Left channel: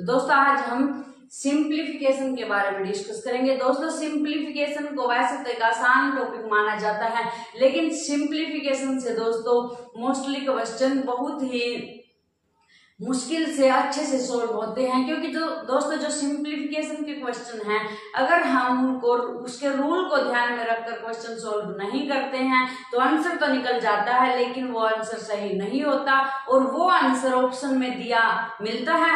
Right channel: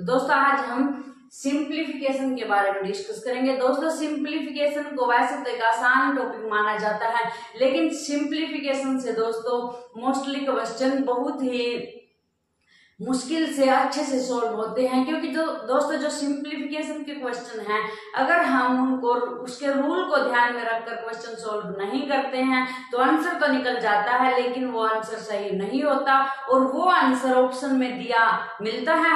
तो दोस्तों आज हम सिंप्लीफिकेशन के बारे में डिस्कस करेंगे। दोस्तों सिंप्लीफिकेशन को वैसे तो एक आसान टॉपिक माना जाता है, लेकिन सिंप्लीफिकेशन से दोस्तों मोस्टली क्वेश्चन बहुत ही मुश्किल से अच्छे से सॉल्व होते हैं, क्योंकि जो दोस्तों जो सिंप्लीफिकेशन के क्वेश्चन हैं, अगर हम उनको उसके रूल को ध्यान में रखकर क्वेश्चन सॉल्व नहीं करते हैं तो आंसर तो निकल जाता है, लेकिन वो आंसर सही नहीं होता और वो आंसर ऑप्शन में दिया मिलता है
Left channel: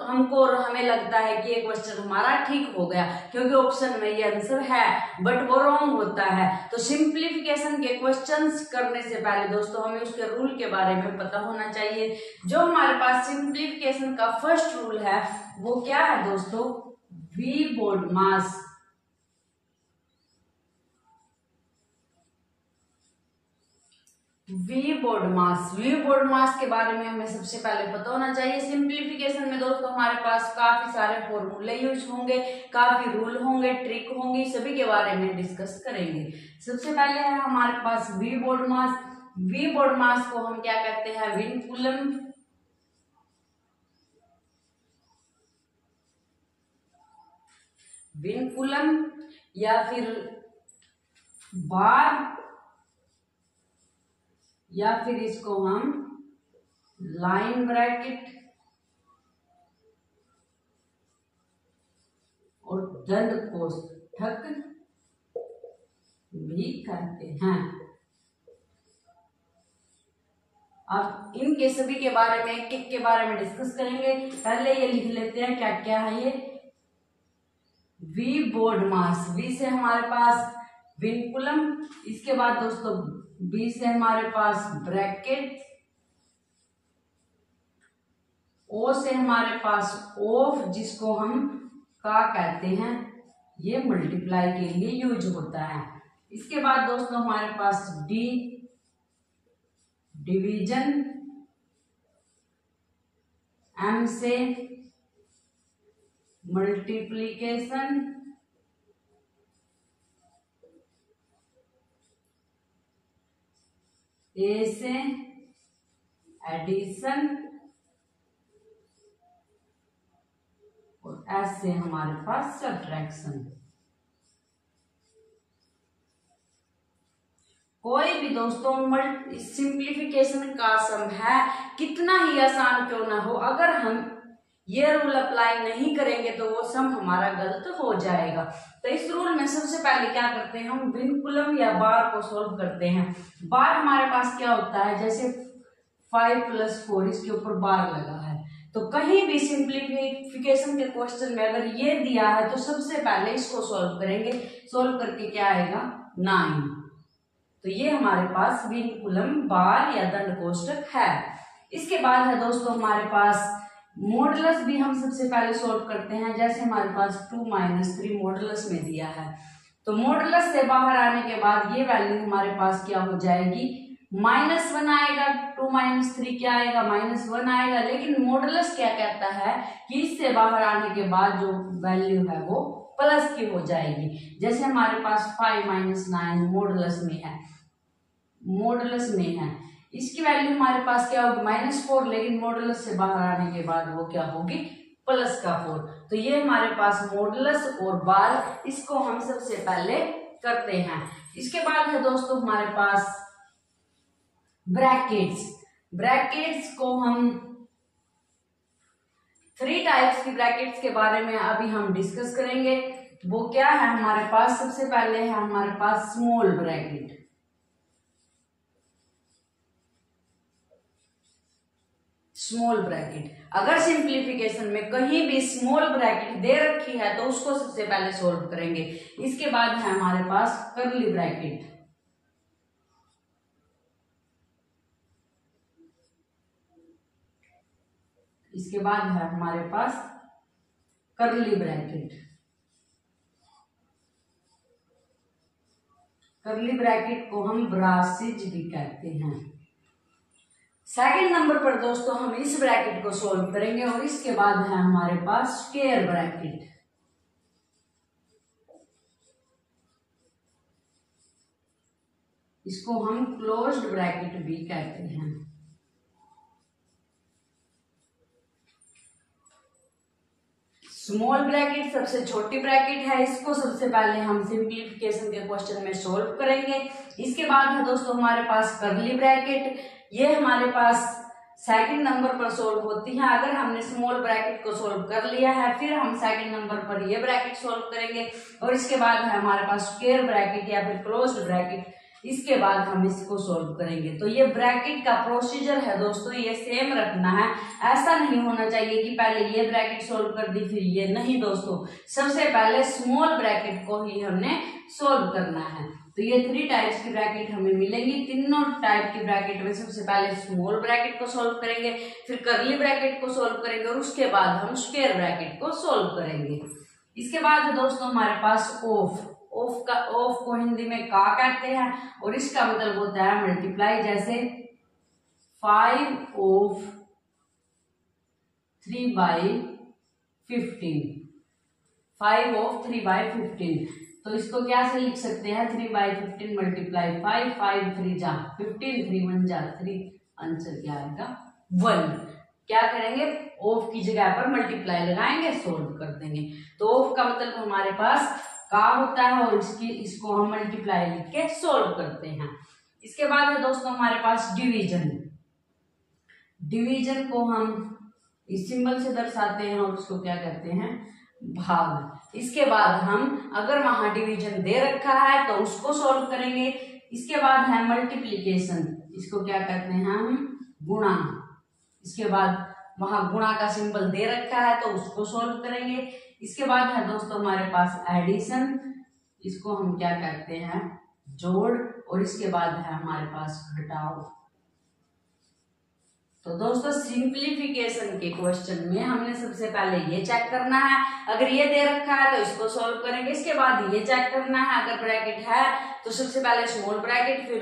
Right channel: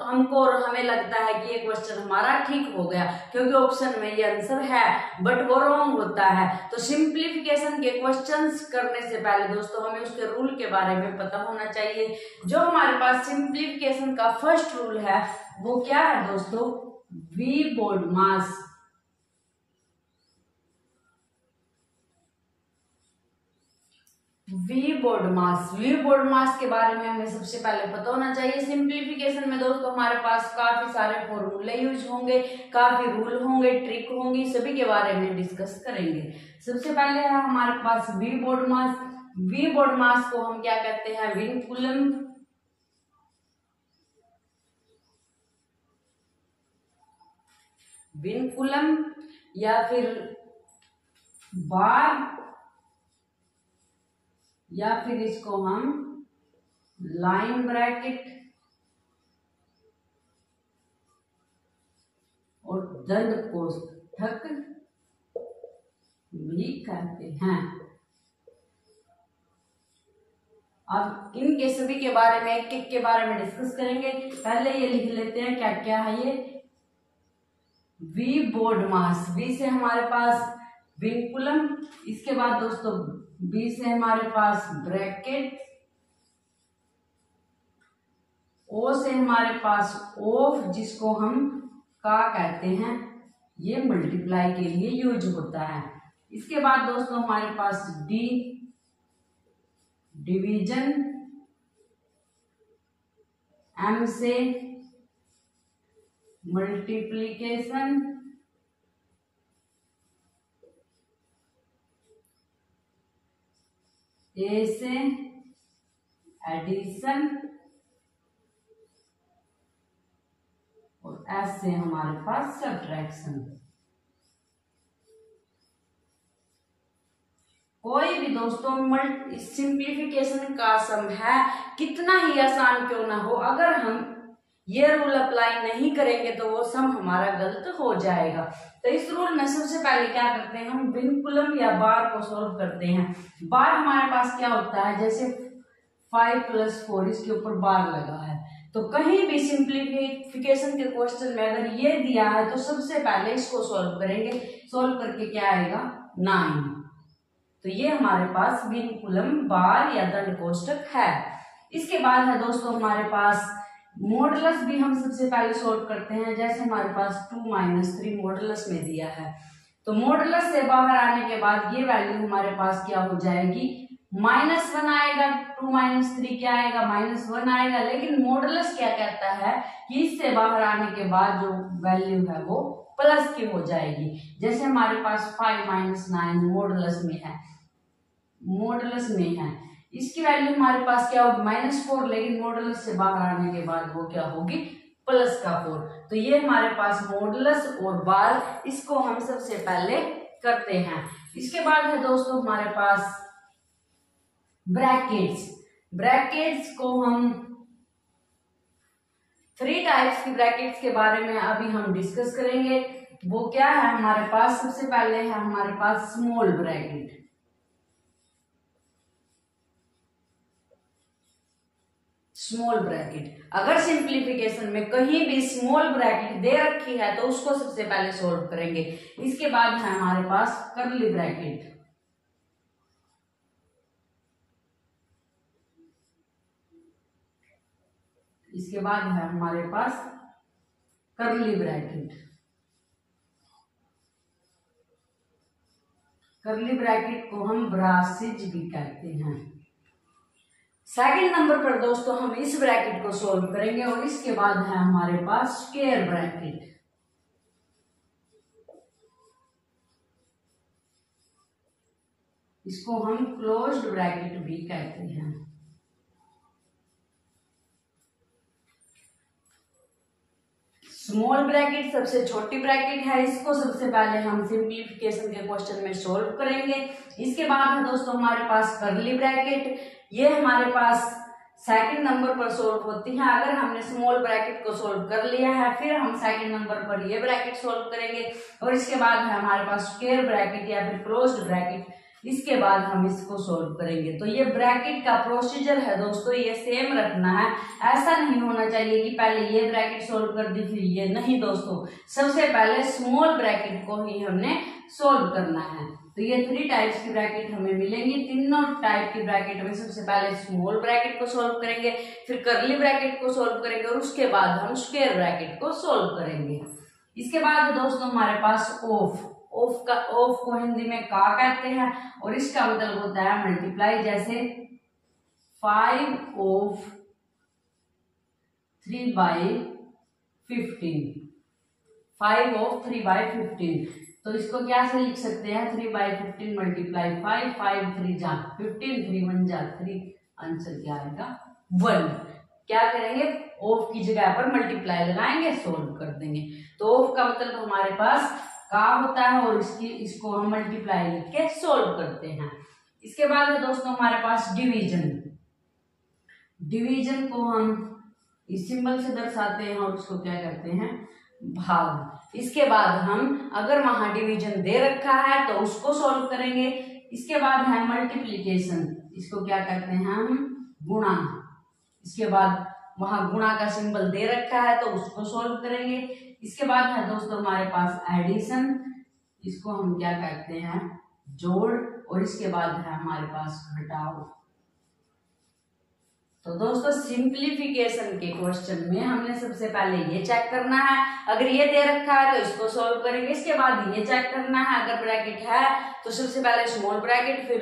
हमको और हमें लगता है कि ये क्वेश्चन हमारा ठीक हो गया क्योंकि ऑप्शन में ये आंसर है, बट वो रॉन्ग होता है। तो सिंप्लीफिकेशन के क्वेश्चंस करने से पहले दोस्तों हमें उसके रूल के बारे में पता होना चाहिए। जो हमारे पास सिंप्लीफिकेशन का फर्स्ट रूल है वो क्या है दोस्तों, V BODMAS. V BODMAS के बारे में हमें सबसे पहले पता होना चाहिए। सिंप्लीफिकेशन में दोस्तों हमारे पास काफी सारे फॉर्मूले यूज होंगे, काफी रूल होंगे, ट्रिक होंगी, सभी के बारे में डिस्कस करेंगे। सबसे पहले है हमारे पास V BODMAS. V BODMAS को हम क्या कहते हैं, विन कूलम। विन कूलम या फिर बार, या फिर इसको हम लाइन ब्रैकेट और दंड कोष्ठक भी कहते हैं। अब इनके सभी के बारे में एक एक के बारे में डिस्कस करेंगे। पहले ये लिख लेते हैं क्या क्या है ये वी बोर्ड मास। वी से हमारे पास विन कूलम, इसके बाद दोस्तों बी से हमारे पास ब्रैकेट, ओ से हमारे पास ऑफ जिसको हम का कहते हैं, ये मल्टीप्लाई के लिए यूज होता है। इसके बाद दोस्तों हमारे पास डी डिवीजन, एम से मल्टीप्लीकेशन, ए से एडिशन और एस से हमारे पास सब्ट्रैक्शन। कोई भी दोस्तों सिंप्लीफिकेशन का सम है, कितना ही आसान क्यों ना हो, अगर हम ये रूल अप्लाई नहीं करेंगे तो वो सम हमारा गलत हो जाएगा। तो इस रूल में सबसे पहले क्या करते हैं, हम विन कूलम या बार को सॉल्व करते हैं। बार हमारे पास क्या होता है, जैसे 5 + 4 इसके ऊपर बार लगा है, तो कहीं भी सिंप्लीफिकेशन के क्वेश्चन में अगर ये दिया है तो सबसे पहले इसको सॉल्व करेंगे। सॉल्व करके क्या आएगा 9। तो ये हमारे पास विन कूलम बार या दंड कोष्ठक है। इसके बाद है दोस्तों हमारे पास मॉडुलस भी हम सबसे पहले सॉल्व करते हैं। जैसे हमारे पास 2 - 3 मॉडुलस में दिया है, तो मॉडुलस से बाहर आने के बाद ये वैल्यू हमारे पास क्या हो जाएगी, -1 आएगा। 2 - 3 क्या आएगा, -1 आएगा। लेकिन मॉडुलस क्या कहता है कि इससे बाहर आने के बाद जो वैल्यू है वो प्लस की हो जाएगी। जैसे हमारे पास 5 - 9 मॉडुलस में है, इसकी वैल्यू हमारे पास क्या होगी -4, लेकिन मॉडुलस से बाहर आने के बाद वो क्या होगी प्लस का 4। तो ये हमारे पास मॉडुलस और बार, इसको हम सबसे पहले करते हैं। इसके बाद है दोस्तों हमारे पास ब्रैकेट्स। ब्रैकेट्स को हम 3 टाइप्स की ब्रैकेट्स के बारे में अभी हम डिस्कस करेंगे। वो क्या है हमारे पास, सबसे पहले है हमारे पास स्मॉल ब्रैकेट। स्मॉल ब्रैकेट, अगर सिंप्लीफिकेशन में कहीं भी स्मॉल ब्रैकेट दे रखी है तो उसको सबसे पहले सॉल्व करेंगे। इसके बाद है हमारे पास कर्ली ब्रैकेट। इसके बाद है हमारे पास कर्ली ब्रैकेट। कर्ली ब्रैकेट को हम ब्रासेज भी कहते हैं। सेकंड नंबर पर दोस्तों हम इस ब्रैकेट को सॉल्व करेंगे और इसके बाद है हमारे पास स्क्वायर ब्रैकेट। इसको हम क्लोज्ड ब्रैकेट भी कहते हैं। स्मॉल ब्रैकेट सबसे छोटी ब्रैकेट है, इसको सबसे पहले हम सिंप्लीफिकेशन के क्वेश्चन में सोल्व करेंगे। इसके बाद है दोस्तों हमारे पास कर्ली ब्रैकेट, ये हमारे पास सेकंड नंबर पर सोल्व होती है। अगर हमने स्मॉल ब्रैकेट को सोल्व कर लिया है, फिर हम सेकंड नंबर पर ये ब्रैकेट सोल्व करेंगे, और इसके बाद है हमारे पास स्क्वायर ब्रैकेट या फिर क्लोज्ड ब्रैकेट, इसके बाद हम इसको सोल्व करेंगे। तो ये ब्रैकेट का प्रोसीजर है दोस्तों, ये सेम रखना है, ऐसा नहीं होना चाहिए कि पहले ये ब्रैकेट सोल्व कर दी फिर ये, नहीं दोस्तों, सबसे पहले स्मॉल ब्रैकेट को ही हमने सोल्व करना है। तो ये 3 टाइप्स की ब्रैकेट हमें मिलेंगी, तीनों टाइप की ब्रैकेट में सबसे पहले स्मॉल ब्रैकेट को सोल्व करेंगे, फिर कर्ली ब्रैकेट को सोल्व करेंगे, और उसके बाद हम स्क्वायर ब्रैकेट को सोल्व करेंगे। इसके बाद दोस्तों हमारे पास ऑफ को हिंदी में का कहते हैं, और इसका मतलब होता है मल्टीप्लाई, जैसे 5 ऑफ 3/15, 5 ऑफ 3/15। तो इसको क्या से लिख सकते हैं, 3/15 मल्टीप्लाई 5, 5 3 जा 15, 3 1 जा 3, आंसर क्या आएगा 1। क्या करेंगे, ऑफ की जगह पर मल्टीप्लाई लगाएंगे, सोल्व कर देंगे। तो ऑफ का मतलब हमारे पास का होता है, और इसको हम मल्टीप्लाई लिख के सोल्व करते हैं। इसके बाद है दोस्तों हमारे पास डिवीजन, डिवीजन को हम इस सिंबल से दर्शाते हैं, और उसको क्या कहते हैं, भाग। इसके बाद हम अगर वहां डिवीजन दे रखा है तो उसको सोल्व करेंगे। इसके बाद है मल्टीप्लीकेशन, इसको क्या कहते हैं हम, गुणा। इसके बाद वहां गुणा का सिंबल दे रखा है तो उसको सोल्व करेंगे। इसके बाद है दोस्तों हमारे पास एडिशन, इसको हम क्या कहते हैं, जोड़, और इसके बाद है हमारे पास घटाव। तो दोस्तों सिंप्लीफिकेशन के क्वेश्चन में हमने सबसे पहले ये चेक करना है, अगर ये दे रखा है तो इसको सॉल्व करेंगे। इसके बाद ये चेक करना है, अगर ब्रैकेट है तो सबसे पहले स्मॉल ब्रैकेट, फिर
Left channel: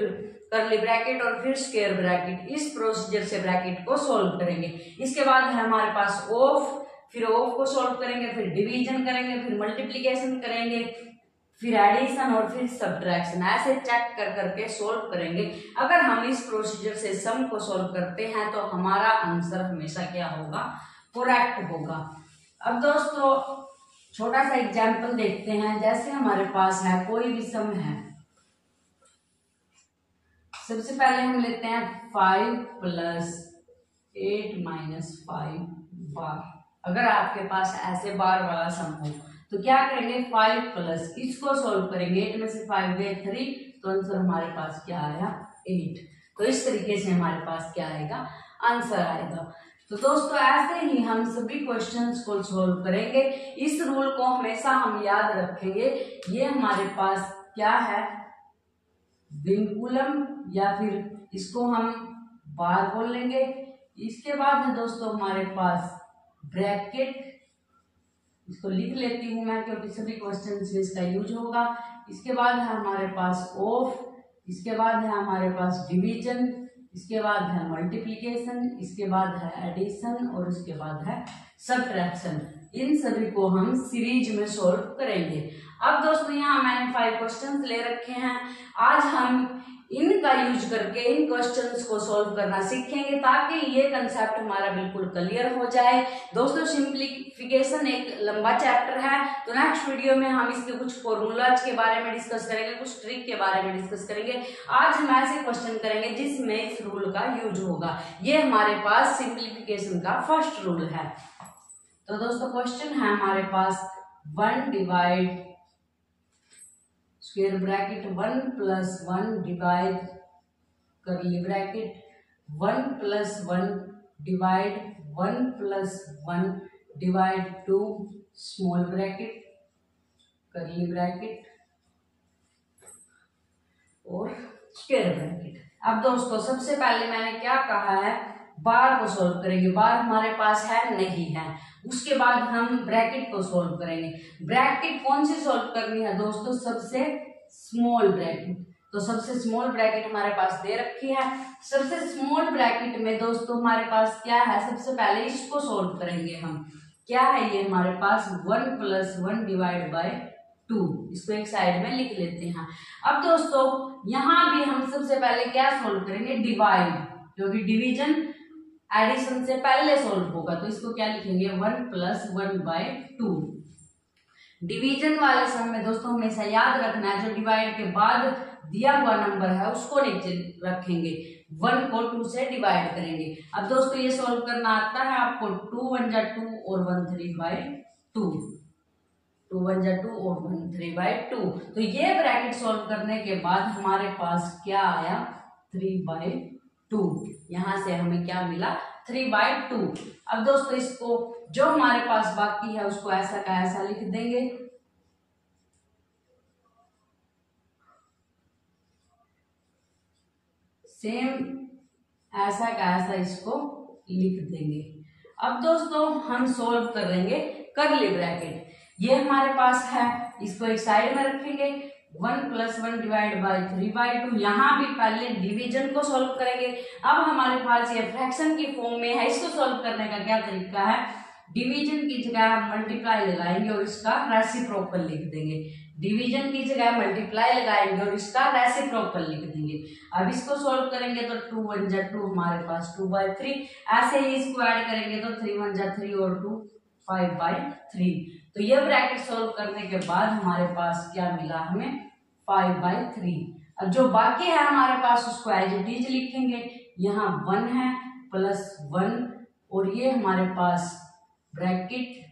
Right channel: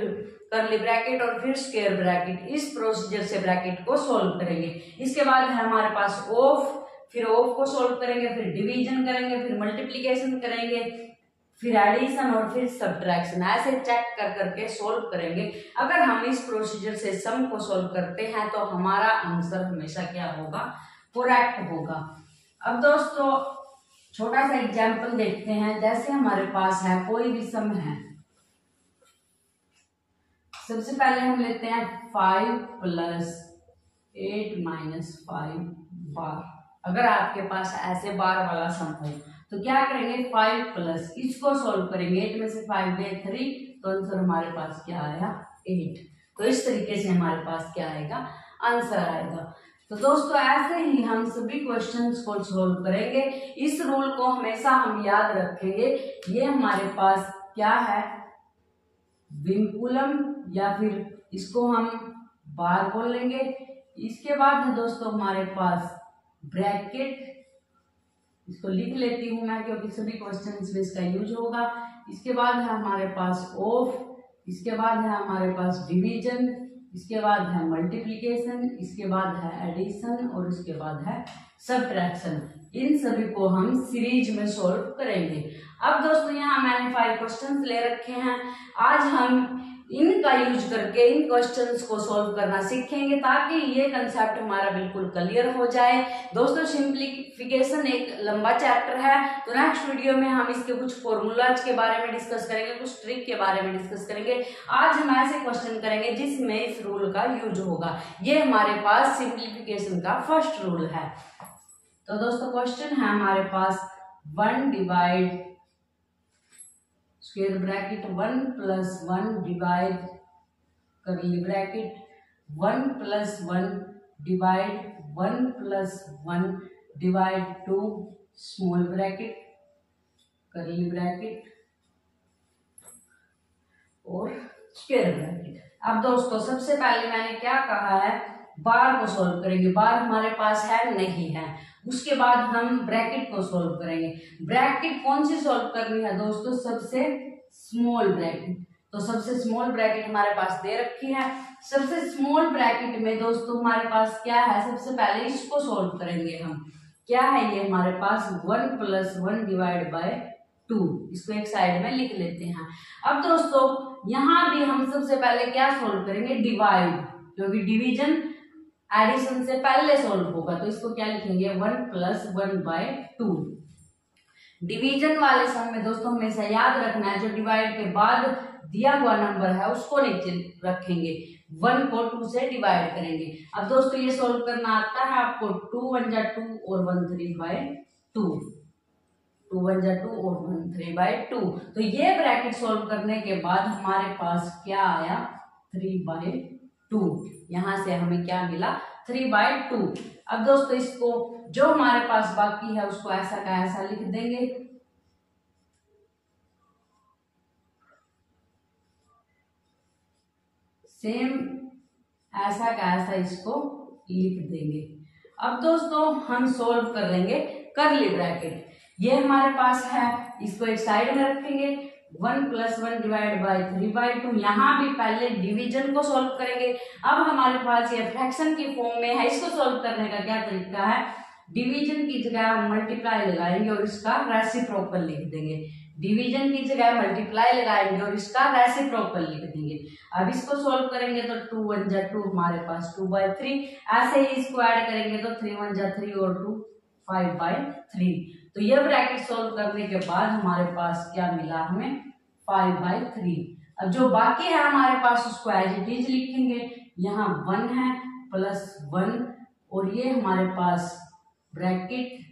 कर्ली ब्रैकेट, और फिर स्क्वायर ब्रैकेट। इस प्रोसीजर से ब्रैकेट को सॉल्व करेंगे। इसके बाद है हमारे पास ऑफ, फिर ऑफ को सॉल्व करेंगे, फिर डिवीजन करेंगे, फिर मल्टीप्लीकेशन करेंगे, फिर एडिशन, और फिर सब्ट्रैक्शन। ऐसे चेक कर करके सोल्व करेंगे। अगर हम इस प्रोसीजर से सम को सोल्व करते हैं तो हमारा आंसर हमेशा क्या होगा, करेक्ट होगा। अब दोस्तों छोटा सा एग्जांपल देखते हैं। जैसे हमारे पास है कोई भी सम है, सबसे पहले हम लेते हैं 5 + 8 - 5 बार। अगर आपके पास ऐसे बार वाला सम हो तो क्या करेंगे, 5 प्लस, इसको सोल्व करेंगे, 8 में से 5 गए 3, तो आंसर हमारे पास क्या आया 8। तो इस तरीके से हमारे पास क्या आएगा, आंसर आएगा। तो दोस्तों ऐसे ही हम सभी क्वेश्चंस को सोल्व करेंगे। इस रूल को हमेशा हम याद रखेंगे। ये हमारे पास क्या है, विंकुलम, या फिर इसको हम बार बोल लेंगे। इसके बाद है दोस्तों हमारे पास ब्रैकेट, इसको लिख लेती हूं मैं क्योंकि सभी क्वेश्चंस में इसका यूज होगा। इसके बाद है हमारे पास ऑफ, इसके बाद है हमारे पास डिवीजन, इसके बाद है मल्टीप्लिकेशन, इसके बाद है एडिशन, और इसके बाद है सब्ट्रैक्शन। इन सभी को हम सीरीज में सॉल्व करेंगे। अब दोस्तों यहाँ मैंने 5 क्वेश्चंस ले रखे हैं। आज हम इनका यूज करके इन क्वेश्चंस को सॉल्व करना सीखेंगे ताकि ये कंसेप्ट हमारा बिल्कुल क्लियर हो जाए। दोस्तों सिंप्लीफिकेशन एक लंबा चैप्टर है, तो नेक्स्ट वीडियो में हम इसके कुछ फॉर्मूलाज के बारे में डिस्कस करेंगे, कुछ ट्रिक के बारे में डिस्कस करेंगे। आज हम ऐसे क्वेश्चन करेंगे जिसमें इस रूल का यूज होगा। ये हमारे पास सिंप्लीफिकेशन का फर्स्ट रूल है। तो दोस्तों क्वेश्चन है हमारे पास 1 divide square bracket 1 + 1 divide curly bracket 1 + 1 divide 1 + 1 divide 2 small bracket curly bracket और स्क्वायर ब्रैकेट। अब दोस्तों सबसे पहले मैंने क्या कहा है, बार को सोल्व करेंगे। बार हमारे पास है नहीं है। उसके बाद हम ब्रैकेट को सोल्व करेंगे। ब्रैकेट कौन सी सोल्व करनी है दोस्तों, सबसे स्मॉल ब्रैकेट। तो सबसे स्मॉल ब्रैकेट हमारे पास दे रखी है। सबसे स्मॉल ब्रैकेट में दोस्तों हमारे पास क्या है, सबसे पहले इसको सोल्व करेंगे हम। क्या है ये हमारे पास 1 + 1 डिवाइड बाय 2। इसको एक साइड में लिख लेते हैं। अब दोस्तों यहाँ भी हम सबसे पहले क्या सोल्व करेंगे, डिवाइड, क्योंकि डिवीजन एडिशन से पहले सॉल्व होगा, तो इसको क्या लिखेंगे 1 + 1/2। डिवीजन वाले सम में दोस्तों हमेशा याद रखना है, जो डिवाइड के बाद दिया हुआ नंबर है उसको नीचे रखेंगे, 1 को 2 से डिवाइड करेंगे। अब दोस्तों ये सॉल्व करना आता है आपको, 2 × 1 = 2 और 1 3/2, 2 × 1 = 2 और 1 3/2। तो ये ब्रैकेट सॉल्व करने के बाद हमारे पास क्या आया 3/2। यहां से हमें क्या मिला 3/2। अब दोस्तों इसको जो हमारे पास बाकी है उसको ऐसा का ऐसा लिख देंगे, सेम ऐसा का ऐसा इसको लिख देंगे। अब दोस्तों हम सॉल्व कर लेंगे करली ब्रैकेट, ये हमारे पास है, इसको एक साइड में रखेंगे, 1 + 1 / 3/2। यहाँ भी पहले डिवीजन को सॉल्व करेंगे। अब हमारे पास ये फ्रैक्शन की फॉर्म में है, इसको सॉल्व करने का क्या तरीका है, डिवीजन की जगह हम मल्टीप्लाई लगाएंगे और इसका रेसिप्रोकल लिख देंगे, डिवीजन की जगह मल्टीप्लाई लगाएंगे और इसका रेसिप्रोकल लिख देंगे। अब इसको सॉल्व करेंगे तो 2 × 1 = 2 हमारे पास 2/3, ऐसे ही इसको ऐड करेंगे तो 3 × 1 = 3 और 2 5/3। तो ये ब्रैकेट सॉल्व करने के बाद हमारे पास क्या मिला हमें 5/3। अब जो बाकी है हमारे पास उसको एज इट इज लिखेंगे, यहाँ 1 है +1 और ये हमारे पास ब्रैकेट।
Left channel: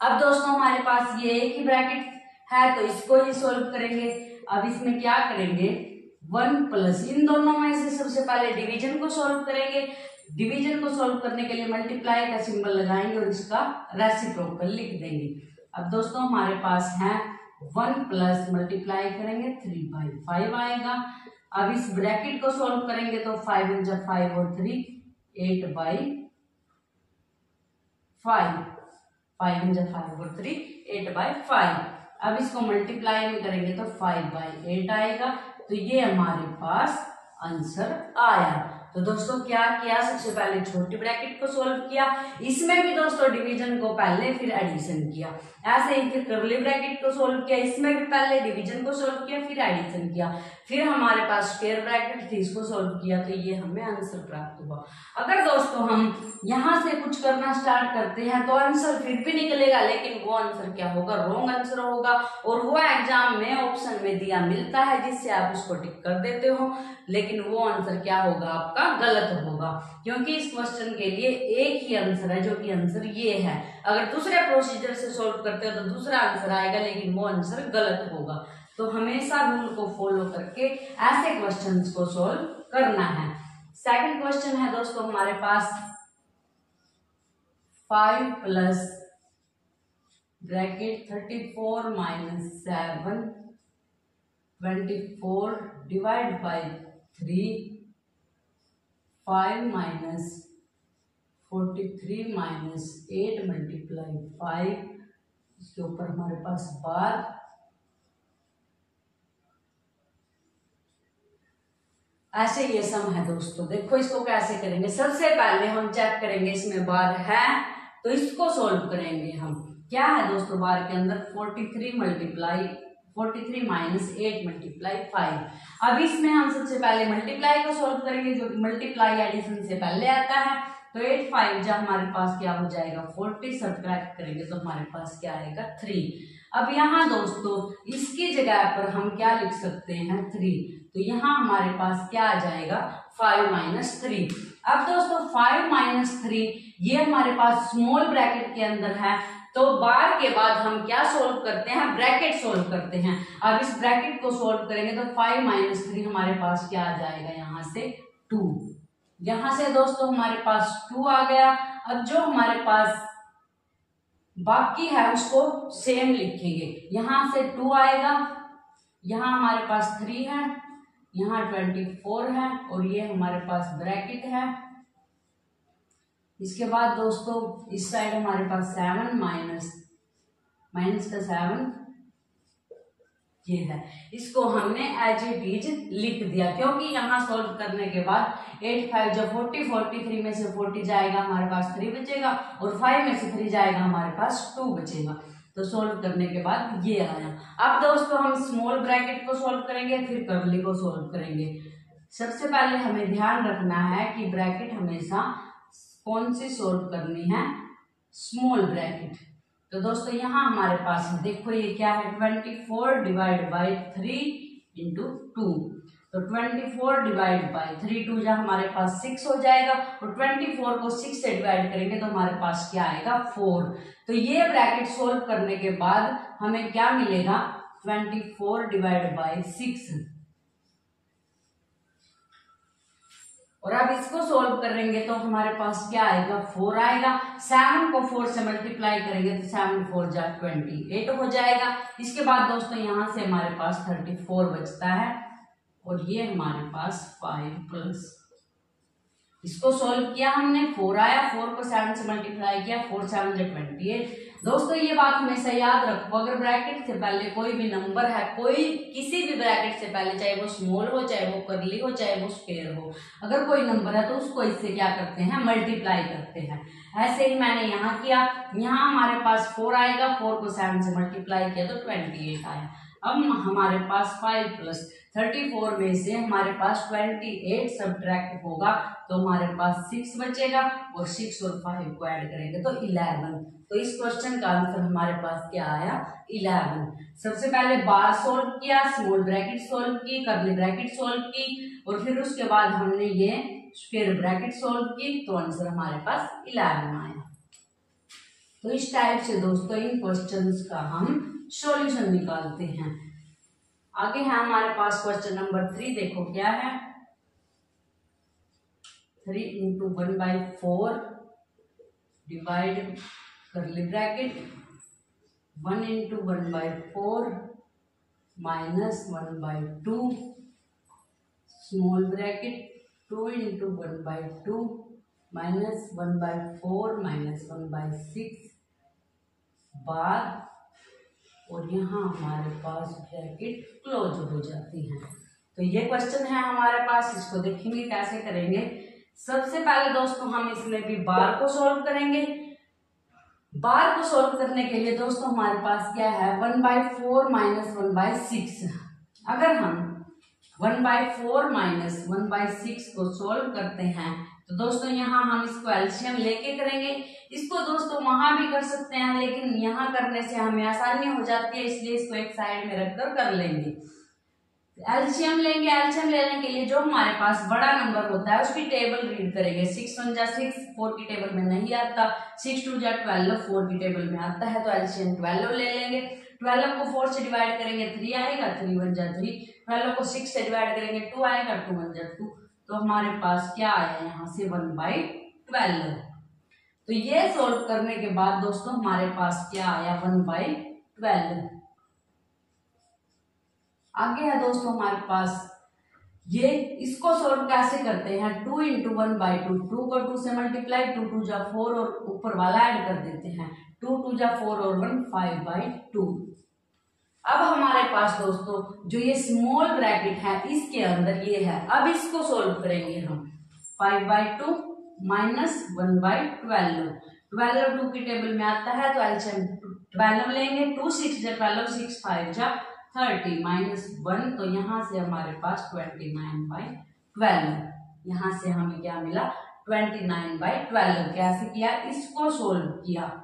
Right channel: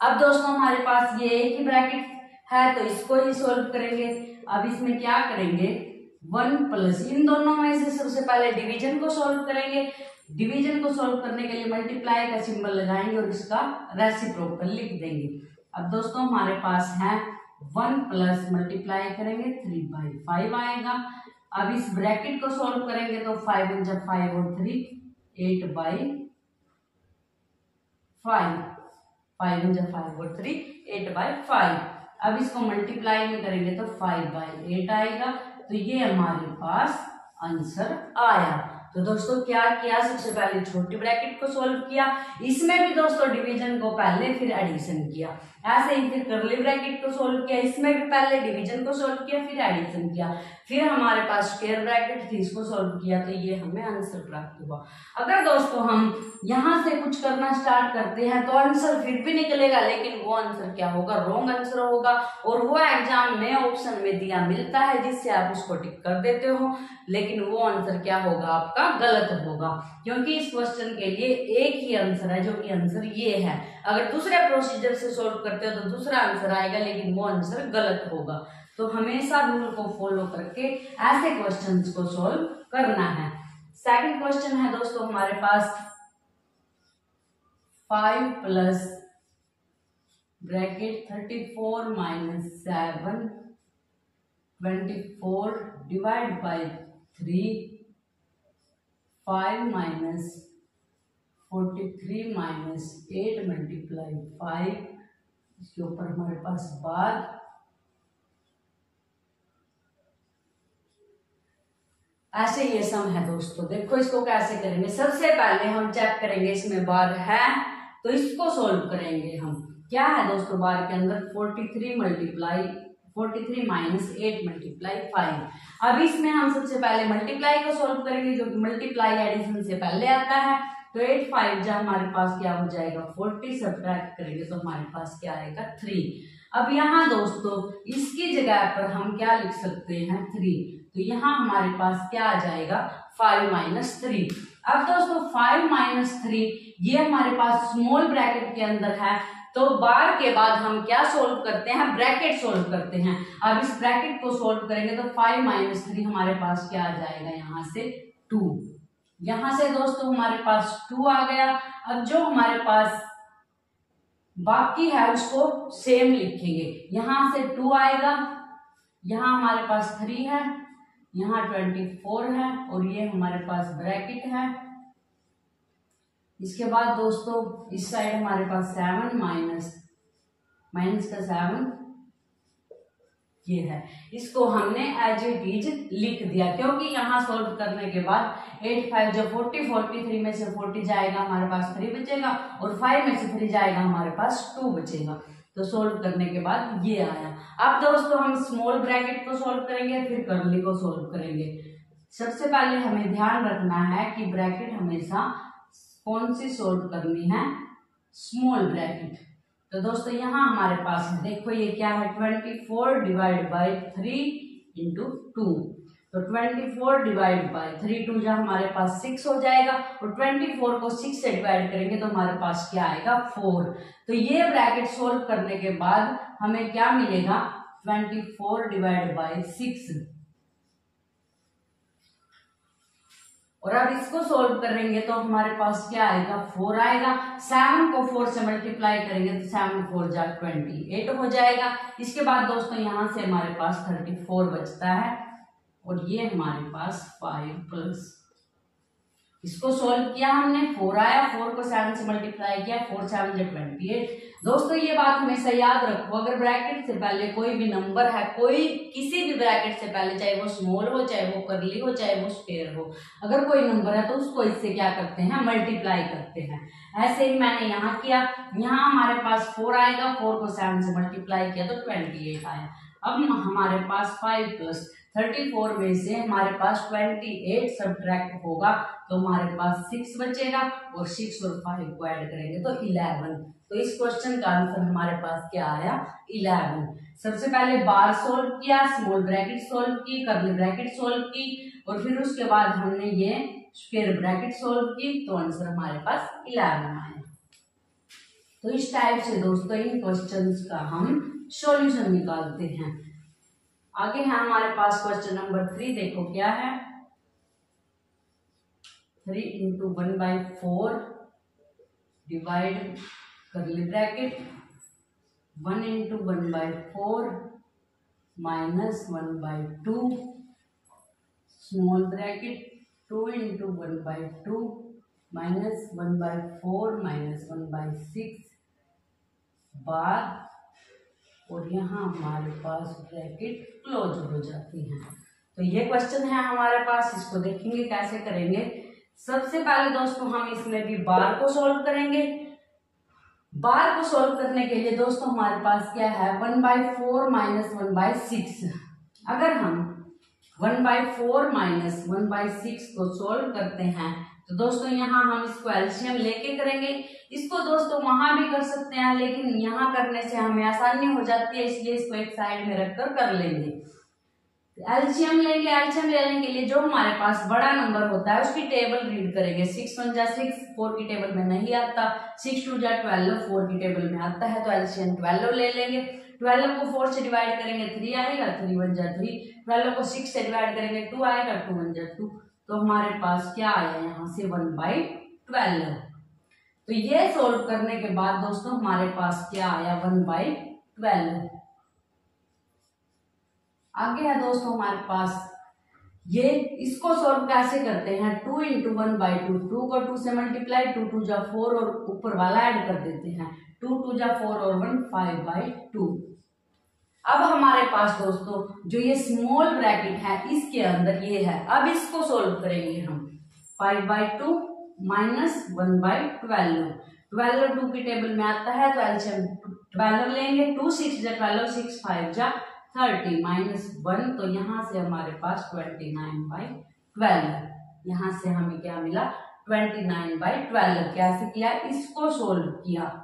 अब दोस्तों हमारे पास ये एक ही ब्रैकेट है तो इसको ही सॉल्व करेंगे। अब इसमें क्या करेंगे 1 + इन दोनों में से सबसे पहले डिवीजन को सॉल्व करेंगे, डिवीजन को सॉल्व करने के लिए मल्टीप्लाई का सिंबल लगाएंगे और इसका रेसिप्रोकल लिख देंगे। अब दोस्तों हमारे पास है 1 + मल्टीप्लाई करेंगे 3/5 आएगा। अब इस ब्रैकेट को सॉल्व करेंगे तो 5 × 5 और 3 8/5, 5 × 5 और 3 8/5। अब इसको मल्टीप्लाई में करेंगे तो 5/8 आएगा। तो ये हमारे पास आंसर आया। तो दोस्तों क्या किया, सबसे पहले छोटी ब्रैकेट को सॉल्व किया, इसमें भी दोस्तों डिवीजन को पहले फिर एडिशन किया, ऐसे ही फिर करली ब्रैकेट को सॉल्व किया, इसमें भी पहले डिवीजन को सॉल्व किया फिर एडिशन किया, फिर हमारे पास स्क्वायर ब्रैकेट थी इसको सॉल्व किया, तो ये हमें आंसर प्राप्त हुआ। अगर दोस्तों हम यहाँ से कुछ करना स्टार्ट करते हैं तो आंसर फिर भी निकलेगा, लेकिन वो आंसर क्या होगा, रॉन्ग आंसर होगा, और वो एग्जाम में ऑप्शन में दिया मिलता है जिससे आप उसको टिक कर देते हो, लेकिन वो आंसर क्या होगा आपका गलत होगा, क्योंकि इस क्वेश्चन के लिए एक ही आंसर है जो कि आंसर ये है। अगर दूसरे प्रोसीजर से सॉल्व करते हो तो दूसरा आंसर आएगा, लेकिन वो आंसर गलत होगा। तो हमेशा रूल को फॉलो करके ऐसे क्वेश्चंस को सॉल्व करना है। सेकंड क्वेश्चन है दोस्तों हमारे पास 5 + ब्रैकेट 34 - 7 24 / 3 5 - 43 - 8 × 5, इसके ऊपर हमारे पास बार, ऐसे ये सम है दोस्तों। देखो इसको कैसे करेंगे, सबसे पहले हम चेक करेंगे इसमें बार है तो इसको सॉल्व करेंगे हम। क्या है दोस्तों बार के अंदर 43 - 8 × 5। अब इसमें हम सबसे पहले मल्टीप्लाई को सॉल्व करेंगे, जो कि मल्टीप्लाई एडिशन से पहले आता है, तो 8 5 जा हमारे पास क्या हो जाएगा 40, सब्ट्रैक्ट करेंगे तो हमारे पास क्या आएगा 3। अब यहाँ दोस्तों इसकी जगह पर हम क्या लिख सकते हैं 3, तो यहाँ हमारे पास क्या आ जाएगा 5 - 3। अब दोस्तों 5 - 3 ये हमारे पास स्मॉल ब्रैकेट के अंदर है, तो बार के बाद हम क्या सोल्व करते हैं, ब्रैकेट सोल्व करते हैं। अब इस ब्रैकेट को सोल्व करेंगे तो 5 - 3 हमारे पास क्या आ जाएगा यहाँ से 2, यहाँ से दोस्तों हमारे पास 2 आ गया। अब जो हमारे पास बाकी है उसको सेम लिखेंगे, यहाँ से 2 आएगा, यहाँ हमारे पास 3 है, यहाँ 24 है और ये हमारे पास ब्रैकेट है। इसके बाद दोस्तों इस साइड हमारे पास 7 माइनस का 7 ये है, इसको हमने एज इट इज लिख दिया, क्योंकि यहाँ सॉल्व करने के बाद 8 5 जो 40, 43 में से 40 जाएगा हमारे पास 3 बचेगा और 5 में से 3 जाएगा हमारे पास 2 बचेगा। तो सॉल्व करने के बाद ये आया। अब दोस्तों हम स्मॉल ब्रैकेट को सॉल्व करेंगे, फिर कर्ली को सॉल्व करेंगे। सबसे पहले हमें ध्यान रखना है कि ब्रैकेट हमेशा कौन सी सोल्व करनी है, स्मॉल ब्रैकेट। तो दोस्तों यहाँ हमारे पास देखो ये क्या है, 24 डिवाइड बाई 3 इंटू 2। तो 24 डिवाइड बाई 3, 2 जा हमारे पास 6 हो जाएगा, और 24 को 6 से डिवाइड करेंगे तो हमारे पास क्या आएगा, 4। तो ये ब्रैकेट सोल्व करने के बाद हमें क्या मिलेगा, 24 डिवाइड बाई 6। और अब इसको सोल्व करेंगे तो हमारे पास क्या आएगा, 4 आएगा। 7 को 4 से मल्टीप्लाई करेंगे तो 7 4 जा 28 हो जाएगा। इसके बाद दोस्तों यहाँ से हमारे पास 34 बचता है, और ये हमारे पास 5 प्लस, इसको सोल्व किया हमने, 4 आया, 4 को 7 से मल्टीप्लाई किया, 4 7 जा 28। दोस्तों ये बात हमेशा याद रखो, अगर ब्रैकेट से पहले कोई भी नंबर है, कोई किसी भी ब्रैकेट से पहले, चाहे वो स्मॉल हो, चाहे वो कर्ली हो, चाहे वो स्क्वायर हो, अगर कोई नंबर है तो उसको इससे क्या करते हैं, मल्टीप्लाई करते हैं। ऐसे ही मैंने यहाँ किया, यहाँ हमारे पास 4 आएगा, 4 को 7 से मल्टीप्लाई किया तो 28 आया। अब हमारे पास 5 प्लस 34 में से हमारे पास 28 सब्ट्रैक्ट होगा तो हमारे पास 6 बचेगा, और 6 और 5 को ऐड करेंगे तो 11। तो इस क्वेश्चन का आंसर हमारे पास क्या आया, 11। सबसे पहले बार सोल्व किया, स्मॉल ब्रैकेट सोल्व की, कर्ली ब्रैकेट सोल्व की, और फिर उसके बाद हमने ये स्क्वायर ब्रैकेट सोल्व की, तो आंसर हमारे पास 11 आया। तो इस टाइप से दोस्तों इन क्वेश्चंस का हम सॉल्यूशन निकालते हैं। आगे है हमारे पास क्वेश्चन नंबर 3, देखो क्या है, 3 into 1/4 divide curly bracket 1 into 1/4 minus 1/2 small bracket 2 into 1/2 minus 1/4 minus 1/6 बार, और यहाँ हमारे पास ब्रैकेट क्लोज हो जाती है। तो ये क्वेश्चन है हमारे पास, इसको देखेंगे कैसे करेंगे। सबसे पहले दोस्तों हम इसमें भी बार को सोल्व करेंगे। बार को सोल्व करने के लिए दोस्तों हमारे पास क्या है, 1/4 माइनस 1/6। अगर हम 1/4 माइनस 1/6 को सोल्व करते हैं तो दोस्तों यहाँ हम इसको एलसीएम लेके करेंगे। इसको दोस्तों वहां भी कर सकते हैं, लेकिन यहाँ करने से हमें आसानी हो जाती है, इसलिए इसको एक साइड में रखकर कर लेंगे। एलसीएम लेंगे, एलसीएम लेने के लिए जो हमारे पास बड़ा नंबर होता है उसकी टेबल रीड करेंगे। 6 1 जा 6, 4 की टेबल में नहीं आता, 6 2 जा 12, 4 की टेबल में आता है, तो एलसीएम 12 ले लेंगे। 12 को 4 से डिवाइड करेंगे 3 आएगा, 3 1 जा 3, 12 को 6 से डिवाइड करेंगे 2 आएगा, 2 1 जा 2, तो हमारे पास क्या आया यहाँ से 1/12। तो ये सोल्व करने के बाद दोस्तों हमारे पास क्या आया, 1/12। आगे है दोस्तों हमारे पास ये, इसको सोल्व कैसे करते हैं, 2 इंटू 1/2, 2 को 2 से मल्टीप्लाई, 2 2 जा 4 और ऊपर वाला ऐड कर देते हैं, 2 2 जा 4 और 1 5/2। अब हमारे पास दोस्तों जो ये स्मॉल ब्रैकेट है इसके अंदर ये है, अब इसको सोल्व करेंगे हम। 5/2 माइनस 1/12, 12 2 की टेबल में आता है तो एलसीएम 12 लेंगे, 2 6 जा 12, 6 5 जा 30 माइनस 1, तो यहाँ से हमारे पास 29/12। यहाँ से हमें क्या मिला, 29/12। कैसे किया, इसको सोल्व किया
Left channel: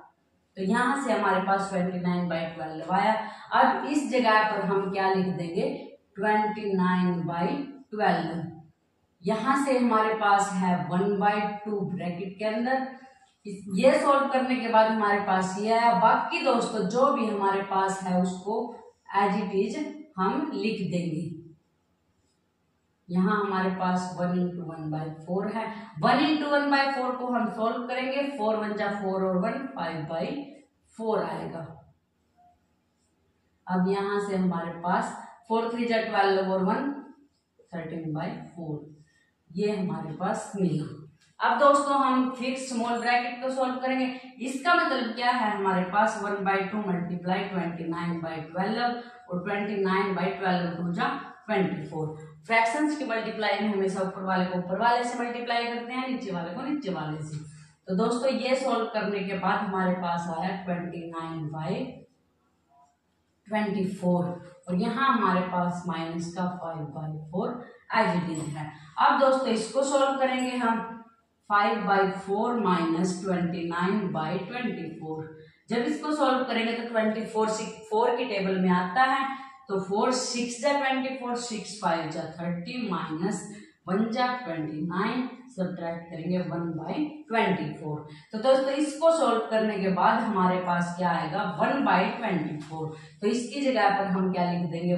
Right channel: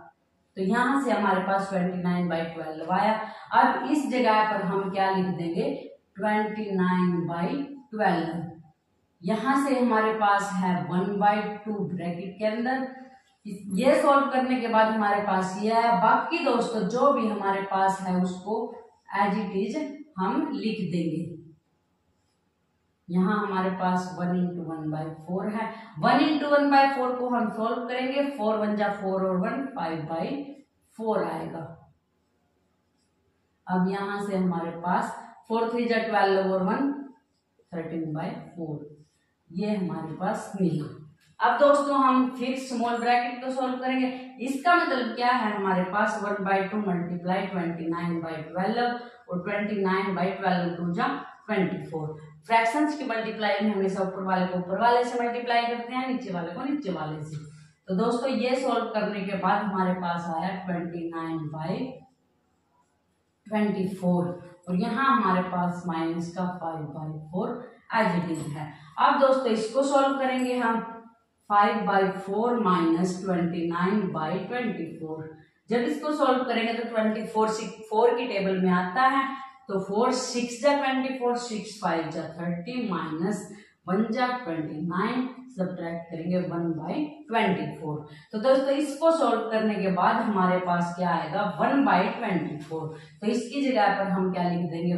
तो यहाँ से हमारे पास 29/12 आया। अब इस जगह पर हम क्या लिख देंगे, 29/12। यहाँ से हमारे पास है 1/2 ब्रैकेट के अंदर। ये सोल्व करने के बाद हमारे पास ये है। बाकी दोस्तों जो भी हमारे पास है उसको एज इट इज हम लिख देंगे। यहाँ हमारे पास 1 इंटू 1/4 है, 1 इंटू 1/4 को हम सोल्व करेंगे, 4 1 जा 4 और 1 5/4 आएगा। अब यहाँ से हमारे पास 4 3 जा 12 और 1 13/4, ये हमारे पास मिला। अब दोस्तों हम फिर स्मॉल ब्रैकेट को सोल्व करेंगे। इसका मतलब क्या है, हमारे पास 1/2 मल्टीप्लाई 29/12 और 29/12 2 जा 24। फ्रैक्शंस की मल्टीप्लाई में हमेशा ऊपर वाले को ऊपर वाले से मल्टीप्लाई करते हैं, नीचे वाले को नीचे वाले से। तो दोस्तों ये सोल्व करने के बाद हमारे पास आया 29/24, और यहाँ हमारे पास माइनस का 5/4 एज इट इज है। अब दोस्तों इसको सॉल्व करेंगे हम 5/4 माइनस 29/24। जब इसको सॉल्व करेंगे तो 4 की टेबल में आता है, तो 4 6 जा 24, 6 5 जा 30 माइनस 1 जा 29, सब्ट्रैक्ट करेंगे 1/24। तो दोस्तों इसको सॉल्व करने के बाद हमारे पास क्या आएगा 1/24। तो इसकी जगह पर हम क्या लिख देंगे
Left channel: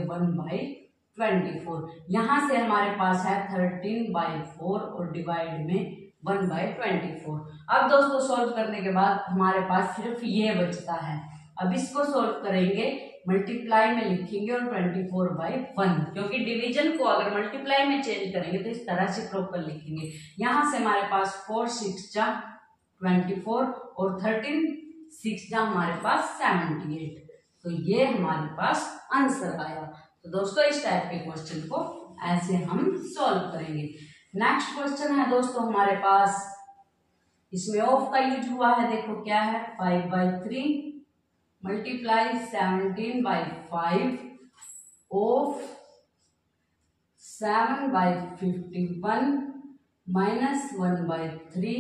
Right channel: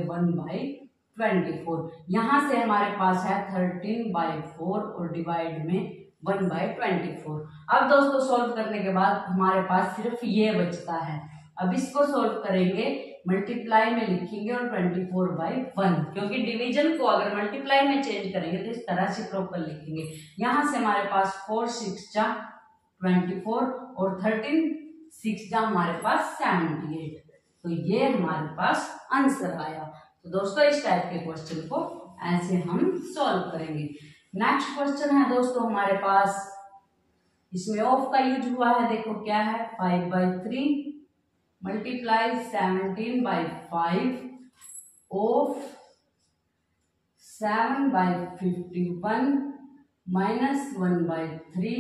1/24। यहाँ से हमारे पास है 13/4 और डिवाइड में 1/24। अब दोस्तों सॉल्व करने के बाद हमारे पास सिर्फ ये बचता है। अब इसको सॉल्व करेंगे, मल्टीप्लाई में लिखेंगे और 24/1, क्योंकि डिवीजन को अगर मल्टीप्लाई में चेंज करेंगे तो इस तरह से प्रॉपर लिखेंगे। यहाँ से हमारे पास 4 6 जा 24 और 13 6 जा हमारे पास 78। तो ये हमारे पास आंसर आया। तो दोस्तों इस टाइप के क्वेश्चन को ऐसे हम सॉल्व करेंगे। नेक्स्ट क्वेश्चन है दोस्तों हमारे पास, इसमें ऑफ का यूज हुआ है। देखो क्या है 5/3 मल्टीप्लाई 17/5 ऑफ 7/51 माइनस 1/3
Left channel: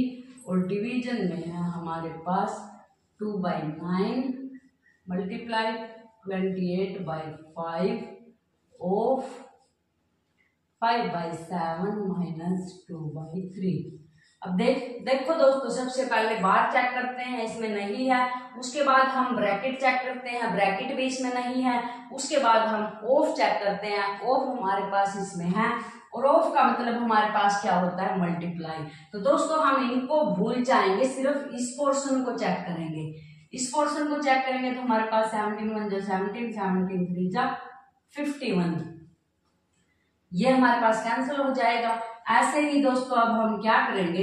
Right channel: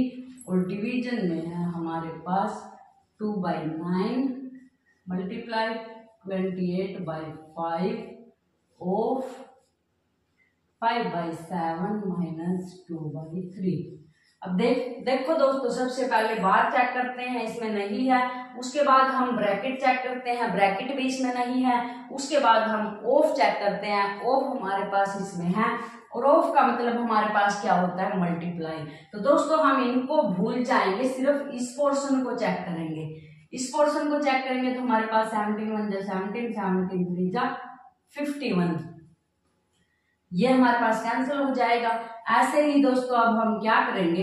और डिवीजन में है हमारे पास 2/9 मल्टीप्लाई 28/5 ऑफ 5/7 माइनस 2/3। अब देखो दोस्तों, सबसे पहले बार चेक करते हैं, इसमें नहीं है। उसके बाद हम ब्रैकेट चेक करते हैं, ब्रैकेट भी इसमें नहीं है। उसके बाद हम ऑफ चेक करते हैं, ऑफ हमारे पास इसमें है। और ऑफ का मतलब हमारे पास क्या होता है मल्टीप्लाई। तो दोस्तों हम इनको भूल जाएंगे, सिर्फ इस पोर्शन को चेक करेंगे। इस पोर्शन को चेक करेंगे तो हमारे पास 17 1 जा 17, 17 3 जा 51, ये हमारे पास कैंसिल हो जाएगा। ऐसे ही दोस्तों अब हम क्या करेंगे,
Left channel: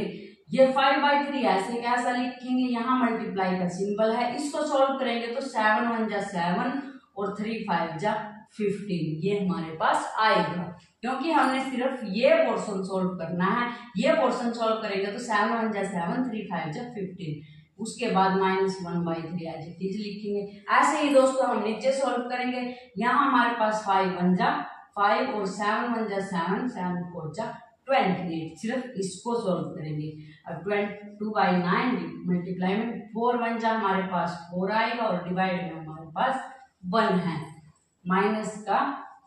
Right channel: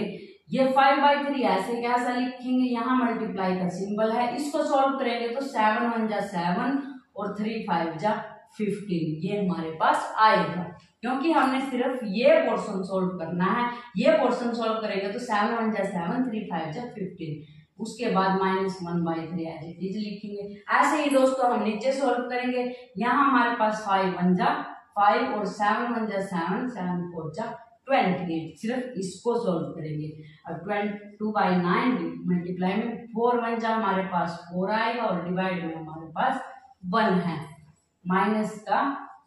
ये 5/3 ऐसे कैसा लिखेंगे, यहाँ मल्टीप्लाई का सिंबल है, इसको सॉल्व करेंगे तो 7 1 जा 7 और 3 5 जा 15, ये हमारे पास आएगा। क्योंकि हमने सिर्फ ये पोर्शन सॉल्व करना है, ये पोर्शन सॉल्व करेंगे तो 7 1 जा 7 3 5 जा 15, उसके बाद माइनस 1/3 एज इट इज लिखेंगे। ऐसे ही दोस्तों हम नीचे सॉल्व करेंगे, यहाँ हमारे पास 5 1 जा 5 और 7 1 जा 7, 7 4 जा 28, सिर्फ इसको सॉल्व करेंगे। अब 2/9 मल्टीप्लाई में 4 1 जा हमारे पास 4 आएगा और डिवाइड में हमारे पास 1 है, माइनस का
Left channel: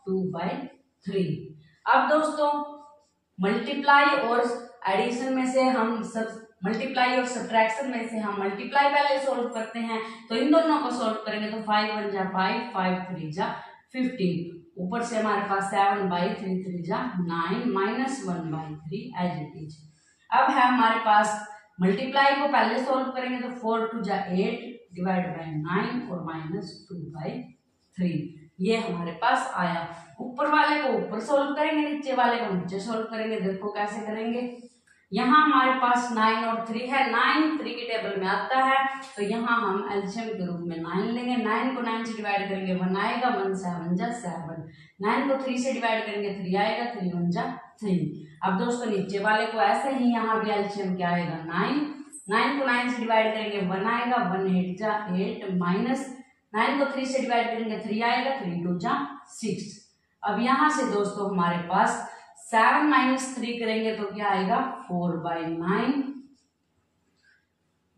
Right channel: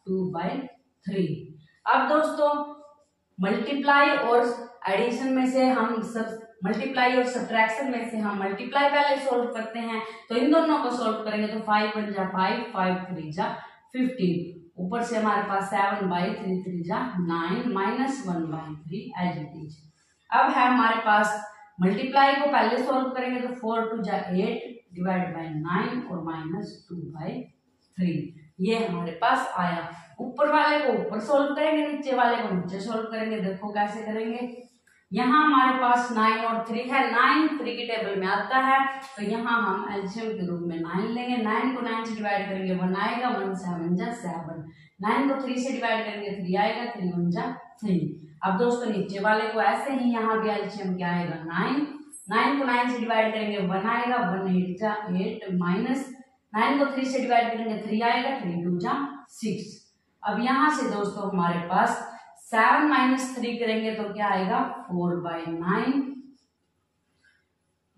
2/3। अब दोस्तों मल्टीप्लाई और एडिशन में से हम सब मल्टीप्लाई और सब्ट्रैक्शन में से हम मल्टीप्लाई पहले सॉल्व करते हैं, तो इन दोनों को सॉल्व करेंगे तो 5 1 जा 5, 5 3 जा 15, ऊपर से हमारे पास 7/3 3 जा 9 माइनस 1/3 एज इट इज। अब है हमारे पास मल्टीप्लाई को पहले सॉल्व करेंगे तो 4 2 जा 8 डिवाइड बाय 9 और माइनस 2/3, ये हमारे पास आया। ऊपर वाले को ऊपर सॉल्व करेंगे, नीचे वाले को नीचे सॉल्व करेंगे। देखो कैसे करेंगे, यहाँ हमारे पास 9 और 3 है, 9 3 की टेबल में आता है, तो यहाँ हम एलसीएम के रूप में 9 लेंगे। 9 को 9 से डिवाइड करेंगे 1 आएगा, 1 7 जा 7, 9 को 3 से डिवाइड करेंगे 3 आएगा, 3 1 जा 3। अब दोस्तों नीचे वाले को ऐसे ही यहाँ भी एलसीएम क्या आएगा 9, 9 को 9 से डिवाइड करेंगे 1 आएगा, 1 8 जा 8 माइनस 9 को 3 से डिवाइड करेंगे 3 आएगा, 3 2 जा 6। अब यहाँ से दोस्तों हमारे पास 7 माइनस 3 करेंगे तो क्या आएगा 4/9,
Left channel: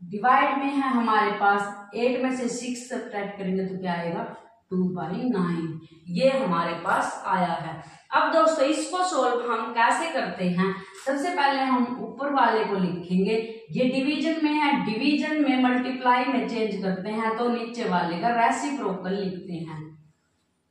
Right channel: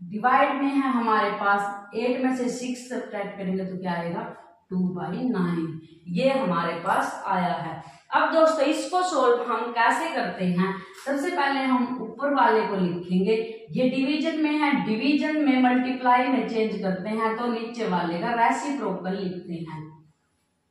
डिवाइड में है हमारे पास 8 में से 6 सब्ट्रैक्ट करेंगे तो क्या आएगा 2/9, ये हमारे पास आया है। अब दोस्तों इसको सॉल्व हम कैसे करते हैं, सबसे पहले हम ऊपर वाले को लिखेंगे, ये डिवीजन में है, डिवीजन में मल्टीप्लाई में चेंज करते हैं तो नीचे वाले का रेसिप्रोकल लिखते हैं।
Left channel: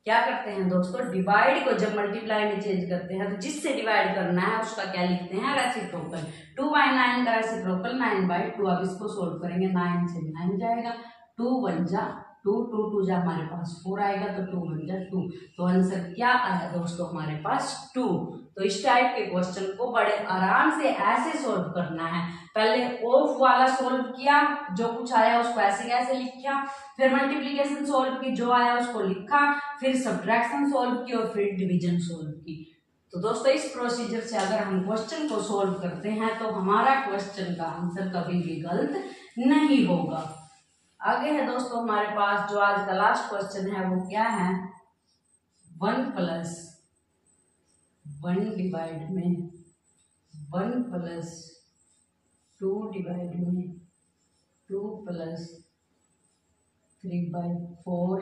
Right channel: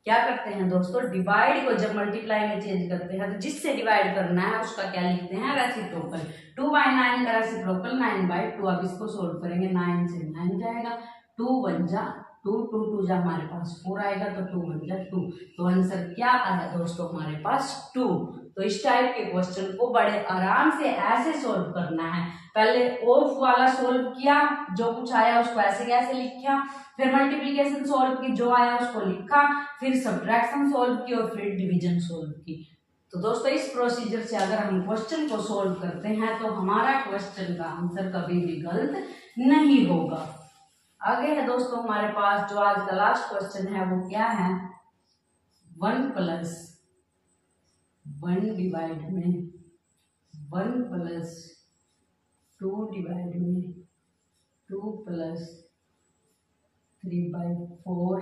क्या करते हैं दोस्तों, डिवाइड को जब मल्टीप्लाई में चेंज करते हैं तो जिससे डिवाइड करना है उसका क्या लिखते हैं रेसिप्रोकल। 2/9 का रेसिप्रोकल 9/2। अब इसको सोल्व करेंगे, 9 से 9 जाएगा, 2 1 जा 2, 2 2 जा हमारे पास 4 आएगा, तो 2 1 जा 2। तो आंसर क्या आया दोस्तों हमारे पास 2। तो इस टाइप के क्वेश्चन को बड़े आराम से ऐसे सोल्व करना है। पहले ऑफ वाला सोल्व किया, जो कुछ आया उसको ऐसे कैसे लिखा, फिर मल्टीप्लिकेशन सोल्व की, जो आया उसको लिखा, फिर सब्ट्रैक्शन सोल्व की और फिर डिवीजन सोल्व की। तो दोस्तों इस प्रोसीजर से अगर हम क्वेश्चन को सोल्व करते हैं तो हमारा क्वेश्चन का आंसर कभी भी गलत नहीं होगा। आगे है दोस्तों हमारे पास जो आज का लास्ट क्वेश्चन है वो क्या है, 1 + 1 डिवाइड में 1 प्लस 2 डिवाइड में 2 प्लस 3/4,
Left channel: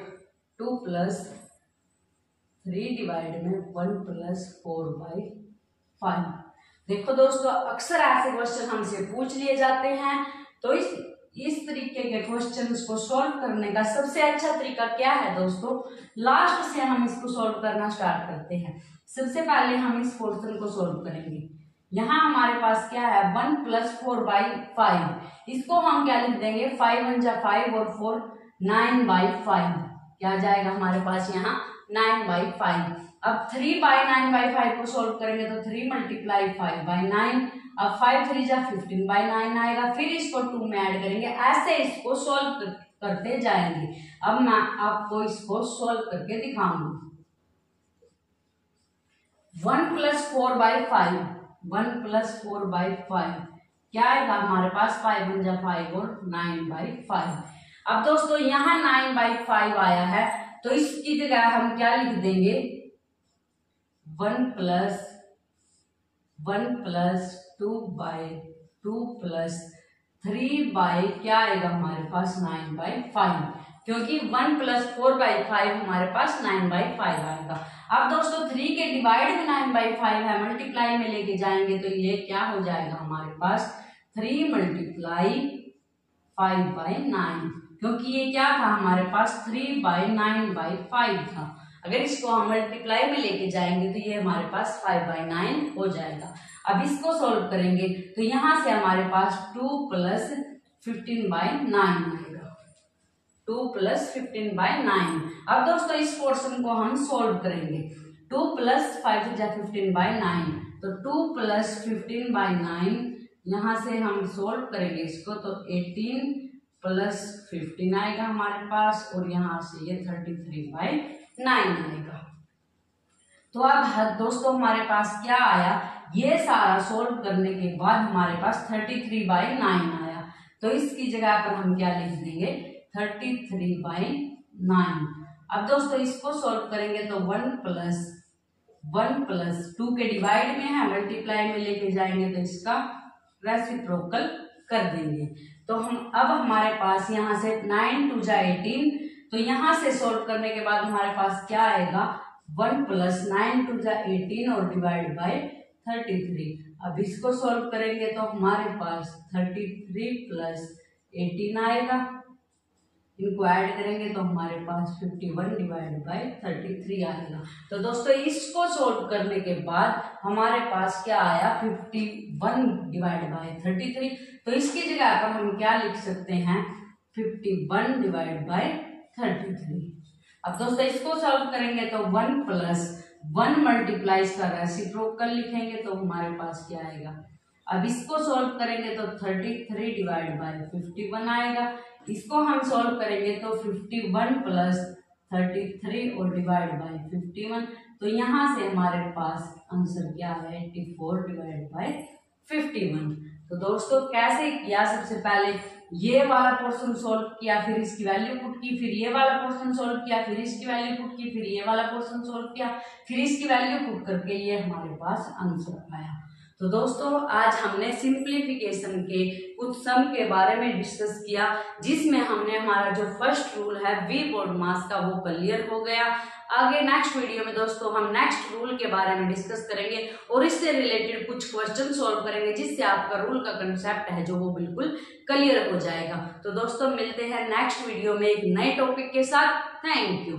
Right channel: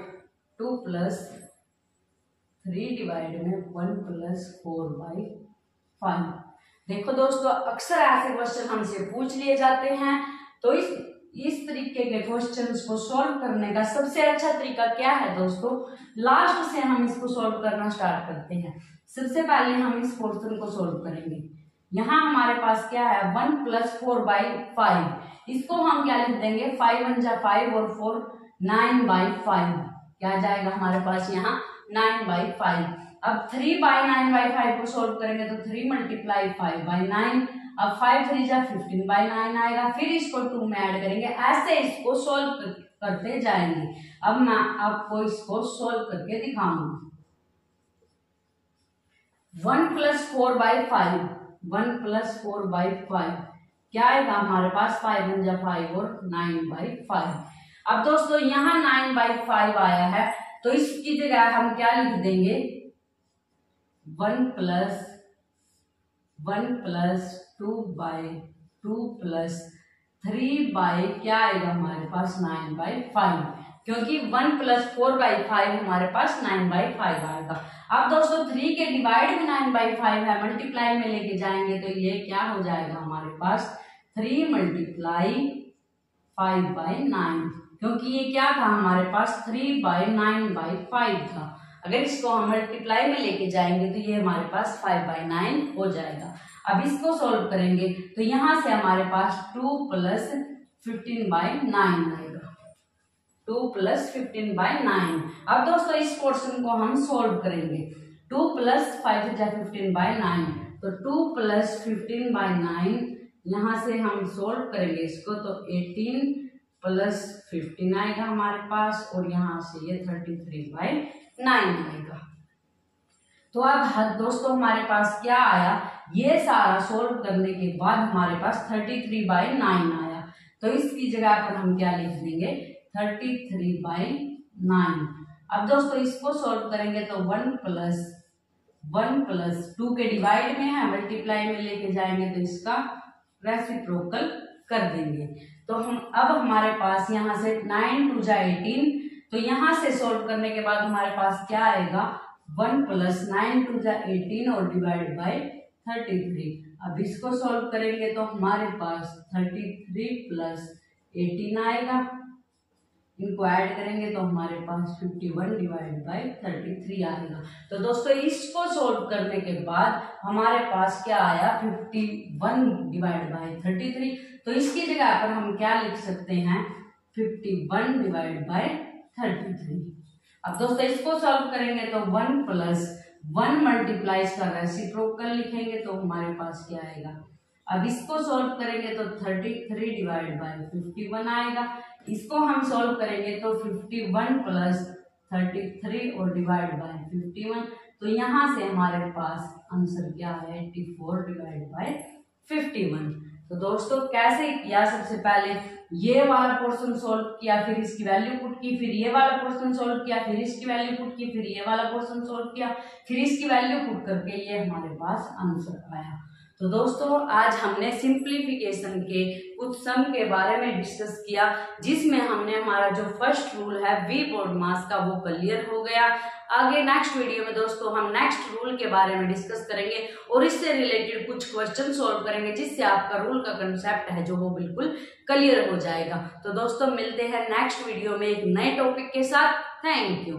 2 प्लस 3 डिवाइड में 1 प्लस 4/5। देखो दोस्तों, अक्सर ऐसे क्वेश्चन हमसे पूछ लिए जाते हैं, तो इस तरीके के क्वेश्चंस को सॉल्व करने का सबसे अच्छा तरीका क्या है दोस्तों? लास्ट से हम इसको सॉल्व करना स्टार्ट करते हैं। सबसे पहले हम इस पोर्शन को सॉल्व करेंगे। यहाँ हमारे पास क्या है, 1 प्लस 4/5। इसको हम क्या लिख देंगे, 5 1 जा 5 और 4 9/5। क्या जाएगा हमारे पास यहाँ 9/5। अब 3/9/5 को सॉल्व करेंगे तो 3 × 5/9। अब 5 3 जा 15/9 आएगा। फिर इसको 2 में ऐड करेंगे, ऐसे इसको सॉल्व करते जाएंगे। अब मैं आपको इसको सॉल्व करके दिखाऊंगी। 1 प्लस 4/5, 1 प्लस 4/5 क्या आएगा हमारे पास, 5 1 जा 5 और 9/5। अब दोस्तों यहाँ 9/5 आया है, तो इसकी जगह हम क्या लिख देंगे, 1 प्लस 2/2 प्लस 3 क्या आएगा हमारे पास 9/5, क्योंकि 1 प्लस 4/5 हमारे पास 9/5 आएगा। अब दोस्तों 3 के डिवाइड में 9/5 है, मल्टीप्लाई में लेके जाएंगे तो ये क्या हो जाएगा हमारे पास 3 × 5/9, क्योंकि ये क्या था हमारे पास 3/9/5 था। अगर इसको हम मल्टीप्लाई में लेके जाएंगे तो ये हमारे पास 5/9 हो जाएगा। अब इसको सॉल्व करेंगे तो यहाँ से हमारे पास 2 प्लस 15/9 आएगा, 2 प्लस 15/9। अब दोस्तों इस पोर्शन को हम सॉल्व करेंगे। 2 प्लस 5 जा 15/9, तो 2 प्लस 15/9 यहाँ से हम सॉल्व करेंगे इसको, तो 18 प्लस 15 आएगा हमारे पास, और यहाँ से ये 33/9 आएगा। तो अब दोस्तों हमारे पास क्या आया, ये सारा सॉल्व करने के बाद हमारे पास 33/9 आया। तो इसकी जगह पर हम क्या लिख देंगे, 33/9। अब दोस्तों इसको सॉल्व करेंगे तो 1 प्लस 2 के डिवाइड में है, मल्टीप्लाई में लेके जाएंगे तो इसका रेसिप्रोकल कर देंगे। तो अब हमारे पास यहाँ से 9 2 जा 18, तो यहाँ से सॉल्व करने के बाद हमारे पास क्या आएगा, 1 प्लस 9 2 जा 18 और डिवाइड बाय 33। अब इसको सॉल्व करेंगे तो हमारे पास 33 प्लस 18 आएगा। इनको ऐड करेंगे तो हमारे पास 51 डिवाइड बाय 33 आएगा। तो दोस्तों इसको सॉल्व करने के बाद हमारे पास क्या आया, 51 डिवाइड बाय 33। तो इसकी जगह पर हम क्या लिख सकते हैं, 51 डिवाइड बाय 33। अब दोस्तों इसको सॉल्व करेंगे तो 1 प्लस 1 मल्टीप्लाई का रेसिप्रोकल लिखेंगे तो हमारे पास क्या आएगा। अब इसको सॉल्व करेंगे तो 33 डिवाइड बाय 51 आएगा। इसको हम सॉल्व करेंगे तो 51 प्लस 33 और डिवाइड बाय 51, तो यहाँ से हमारे पास आंसर क्या है, 84 डिवाइड बाय 51। तो दोस्तों कैसे किया, सबसे पहले ये वाला पोर्शन सॉल्व किया, फिर इसकी वैल्यू पुट की, फिर ये वाला पोर्शन सॉल्व किया, फिर इसकी वैल्यू पुट की, फिर ये वाला पोर्शन सॉल्व किया, फिर इसकी वैल्यू पुट करके ये हमारे पास आंसर आया। तो दोस्तों आज हमने सिंप्लीफिकेशन के कुछ सम के बारे में डिस्कस किया, जिसमें हमने हमारा जो फर्स्ट रूल है वी बोर्ड मास का वो क्लियर हो गया। आगे नेक्स्ट वीडियो में दोस्तों हम नेक्स्ट रूल के बारे में डिस्कस करेंगे और इससे रिलेटेड कुछ क्वेश्चन सॉल्व करेंगे, जिससे आपका रूल का कंसेप्ट है जो वो बिल्कुल क्लियर हो जाएगा। तो दोस्तों मिलते हैं नेक्स्ट वीडियो में एक नए टॉपिक के साथ। Thank you.